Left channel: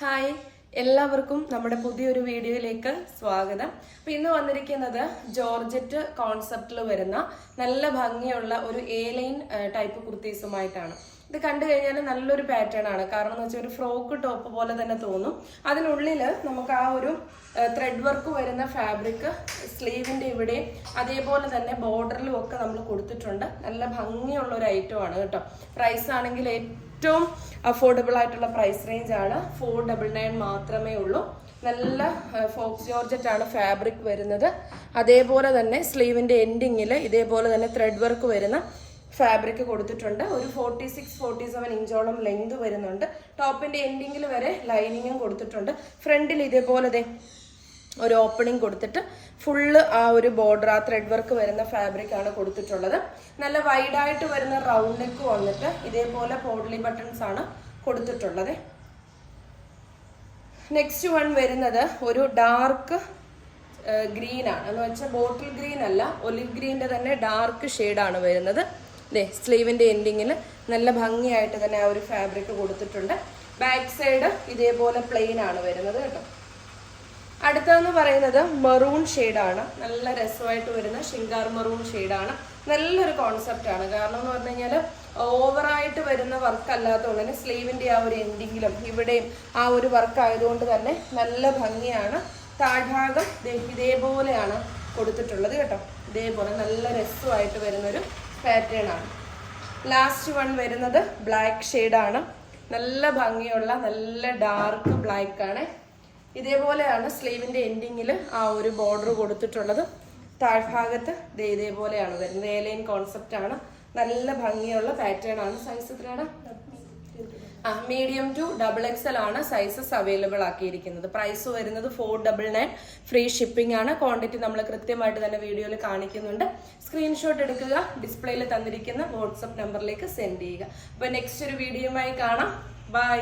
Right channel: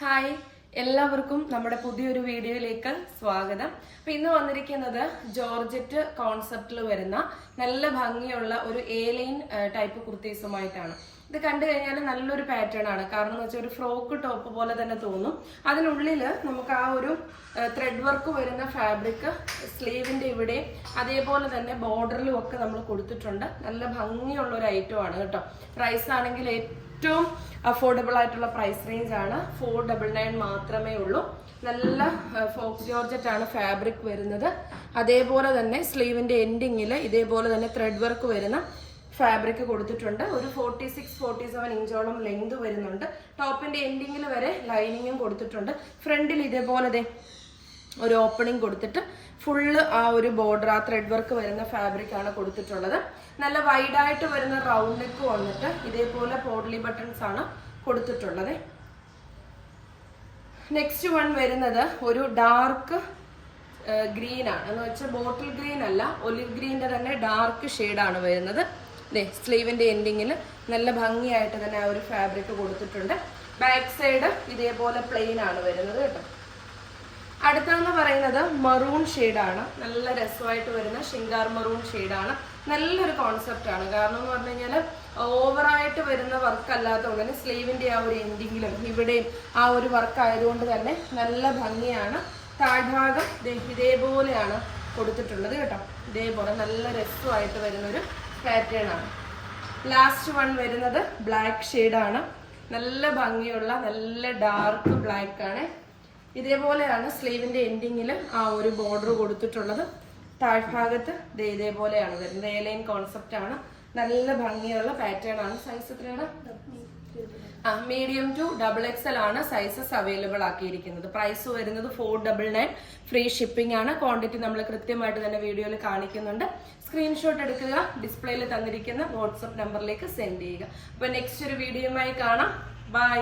Hi എല്ലാവർക്കും നമ്മുടെ പുതിയൊരു വീഡിയോയിലേക്ക് സ്വാഗതം. അപ്പൊ ഇന്ന് വന്നിരിക്കുന്നത് ജോർജറ്റ് കോൺസെപ്റ്റിൽ വരുന്ന നല്ല ഭംഗിയുള്ള ഒരു എ ലൈൻ ടൈപ്പ് കുർത്തീസുമായിട്ടാണ്. ഇത് കണ്ടു കഴിഞ്ഞാൽ നല്ലൊരു പാറ്റേൺ ആണ്. കാരണം എന്ന് വെച്ചാൽ ഒരു ഫ്രോക്ക് ടോപ്പ് പോലെ തന്നെ തോന്നും. അതിനുള്ളിൽ നമുക്ക് ആ ഒരു ത്രെഡ് വർക്ക് വരുന്ന ഫാബ്രിക് സ്ലീവിന്റെ ഇവിടെ അതേപോലെ തന്നെ ബോർഡറിലും ഒക്കെ നമ്മൾ കൊടുത്തിട്ടുണ്ട്. നല്ല ഭംഗിയുള്ള ഒരു ഐറ്റം ആണ് കേട്ടോ. പ്രൈസ് ആണെങ്കിൽ ഏറ്റവും അഫോർഡബിൾ ആയിട്ടുള്ള പ്രൈസ് റേഞ്ച് ആണ്. ഫോർ ഡബിൾ നയൻ മാത്രമേ ഉള്ളൂ. നല്ല ഫോക്സ് ജോർജറ്റ് ആണ് ഫാബ്രിക് വരുന്നത്. അതേപോലെ തന്നെ സ്ലീവിന്റെ എൻഡിങ്ങിൽ ഇതേപോലെ തന്നെ ത്രെഡ് വർക്ക് വരുന്ന ഫാബ്രിക് കൊടുത്തിട്ടുണ്ട്. ഒരു ഫോർട്ടി സിക്സ് ഫോർട്ടി സെവൻ ഇഞ്ചോളം ലെങ്ത് വരുന്നുണ്ട്. ടോപ്പിന്റെ എൻഡിങ്ങിൽ വരെ ലൈനിങ്ങും കൊടുത്തിട്ടുണ്ട്. ഫ്രണ്ടിൽ ഇതേപോലെ ഒരു ഓപ്പണിംഗ് കൊടുത്തിട്ട് ഫുള്ള് ആ ഒരു ബോർഡർ ആ ത്രെഡ് വർക്ക് വരുന്ന ഫാബ്രിക് ആണ് കൊടുത്തിട്ടുള്ളത്. നല്ല വൈഡായിട്ട് വരുന്ന റൗണ്ട് നെക്ക് വന്നിട്ട് ഇതേപോലെ പോഡ്ലി ബട്ടൺസ് ആണ് കൊടുത്തിട്ടുള്ളത്. നെക്സ്റ്റ് വൺ വരുന്നത് ഒരു ഡാർക്ക് ഗ്രീൻ ആണ്. എന്ന് വെച്ചാൽ ബോട്ടിൽ ഗ്രീൻ അല്ല ഒലിവ് ഗ്രീന്റെ തന്നെ ഡാർക്ക് ഷെയ്ഡാണ് വരുന്നത്. ദേ സ്ലീവിന്റെ എൻഡിങ്ങിൽ നല്ല ഭംഗിയായിട്ട് തന്നെ ആ ഒരു ഫാബ്രിക് കൊടുത്തിട്ടുണ്ട്. ബാക്ക് സൈഡ് ഇതേപോലെ പ്ലെയിൻ ആണ് വരുന്നത് കേട്ടോ. അടുത്തതെന്ന് പറയുന്നത് മെറൂൺ ആണ്. നല്ല രസമായിട്ട് വരുന്ന ഷിങ്കാർ മെറൂൺ ആണ്. നല്ലൊരു കോൺസെപ്റ്റ് ആണ്. കാരണം എന്ന് പറഞ്ഞു കഴിഞ്ഞാൽ ഓവറായിട്ട് വരുന്ന വർക്ക് അല്ലാത്തതുകൊണ്ട് തന്നെ സ്ലീവിന്റെ ആ ഒരു എൻഡിങ്ങിലും ഇവിടെയും ആ ഒരു വർക്ക് ആയതുകൊണ്ട് തന്നെ നല്ല ഭംഗിയാണ്. താഴ്ഭാഗം ഇതേപോലെയാണ് കൊടുത്തിട്ടുള്ളത് കേട്ടോ. ഇതേപോലെ നല്ല രസമായിട്ട് വരുന്നൊരു പാറ്റേൺ ആണ്. ലാസ്റ്റ് വൺ വരുന്നത് ബ്ലാക്ക് ആണ്. നല്ല ഭംഗിയുള്ള നല്ല ഡാർക്ക് ബ്ലാക്ക് ആണ്. ഇതേപോലെയാണ് സ്ലീവിന്റെ എൻഡിങ്ങിൽ ആ ഒരു ബോർഡർ കൊടുത്തിട്ടുള്ളത്. താഴ്ഭാഗത്ത് ഇതേപോലെയാണ് വരുന്നത്. ഏലൈൻ ലൈൻ കോൺസെപ്റ്റ് ആണ്. നല്ല ഭംഗിയുള്ള പാറ്റേൺ ആണ്. സൈസ് എത്രയാണ്? മീഡിയം ടു ഡബിൾ എക്സൽ ആണ് സൈസസ് അവൈലബിൾ ആക്കിയിരിക്കുന്നത്. പ്രൈസ് വരുന്നത് four double nine free shipping ആണ്. ക്വാണ്ടിറ്റി നമ്മൾ കൃത്യമായിട്ട് തന്നെ വീഡിയോയിൽ കാണിക്കുന്നുണ്ട്. സ്ക്രീൻഷോട്ട് എടുക്കുക ഡിസ്പ്ലേയിൽ തന്നിരിക്കുന്ന വാട്സപ്പ് നമ്പറിലേക്ക് സെൻഡ് ചെയ്യുക. അപ്പൊ നെക്സ്റ്റ് ഒരു വീഡിയോയുമായി കാണാം. ബൈ